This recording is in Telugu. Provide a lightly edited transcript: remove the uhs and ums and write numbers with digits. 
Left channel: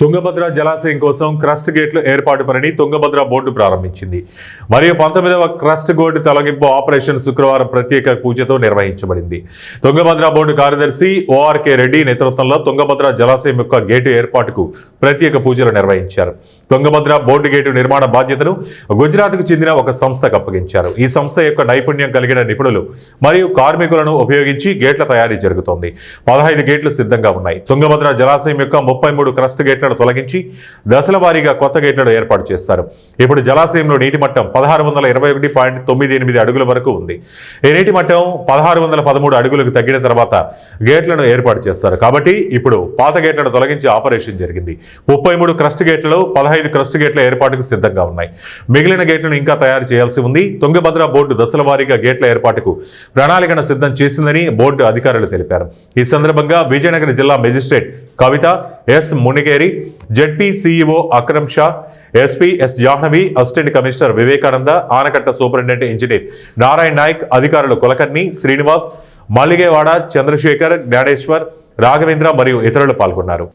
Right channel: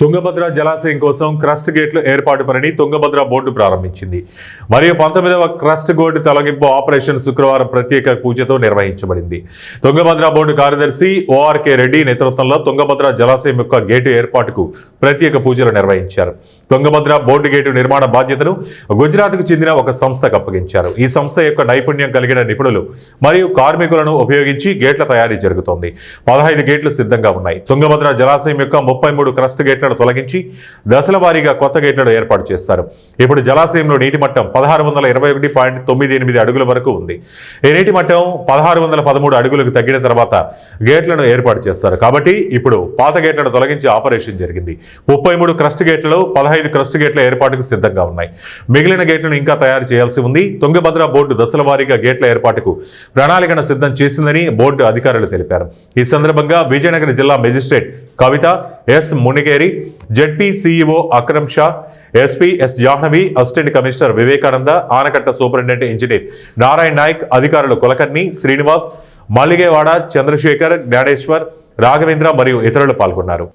తుంగభద్ర జలాశయం కోసం క్రస్ట్ గేట్లు ఏర్పాటు పనిని తుంగభద్ర బోర్డు ప్రారంభించింది. మరియు 19వ క్రస్ట్ గేటు తొలగింపు ఆపరేషన్ శుక్రవారం ప్రత్యేక పూజతో నిర్వహించబడింది. తుంగభద్ర బోర్డు కార్యదర్శి ఓఆర్కే రెడ్డి నేతృత్వంలో తుంగభద్ర జలాశయం యొక్క గేటు ఏర్పాటుకు ప్రత్యేక పూజలు నిర్వహించారు. తుంగభద్ర బోర్డు గేటు నిర్మాణ బాధ్యతను గుజరాత్కు చెందిన ఒక సంస్థకు అప్పగించారు. ఈ సంస్థ యొక్క నైపుణ్యం కలిగిన నిపుణులు మరియు కార్మికులను ఉపయోగించి గేట్ల తయారీ జరుగుతోంది. 15 గేట్లు సిద్ధంగా ఉన్నాయి. తుంగభద్ర జలాశయం యొక్క 33 క్రస్ట్ గేట్ల తొలగించి దశల వారీగా కొత్త గేట్లను ఏర్పాటు చేస్తారు. ఇప్పుడు జలాశయంలో నీటి మట్టం 1621.98 అడుగుల వరకు ఉంది. ఈ నీటి మట్టం 1613 అడుగులకు తగ్గిన తర్వాత గేట్లను ఏర్పాటు చేస్తారు. కాబట్టి ఇప్పుడు పాత గేట్లను తొలగించి ఆపరేషన్ జరిగింది. 33 క్రస్ట్ గేట్లలో 15 క్రస్ట్ గేట్ల ఏర్పాటుకు సిద్ధంగా ఉన్నాయి. మిగిలిన గేట్లను ఇంకా తయారు చేయాల్సి ఉంది. తుంగభద్ర బోర్డు దశల వారీగా గేట్ల ఏర్పాటుకు ప్రణాళికను సిద్ధం చేసిందని బోర్డు అధికారులు తెలిపారు. ఈ సందర్భంగా విజయనగరం జిల్లా magistrate Kavitha, S Munigeri, ZP CEO Akram Shah, SP S Jahnavi, assistant commissioner Vivekananda, ఆనకట్ట సూపరింటెండెంట్ ఇంజనీర్ నారాయణ నాయక్, అధికారులు కులకర్ణి, శ్రీనివాస్, మల్లిగేవాడ, చంద్రశేఖర్, జ్ఞానేశ్వర్, రాఘవేంద్ర మరియు ఇతరులు పాల్గొన్నారు.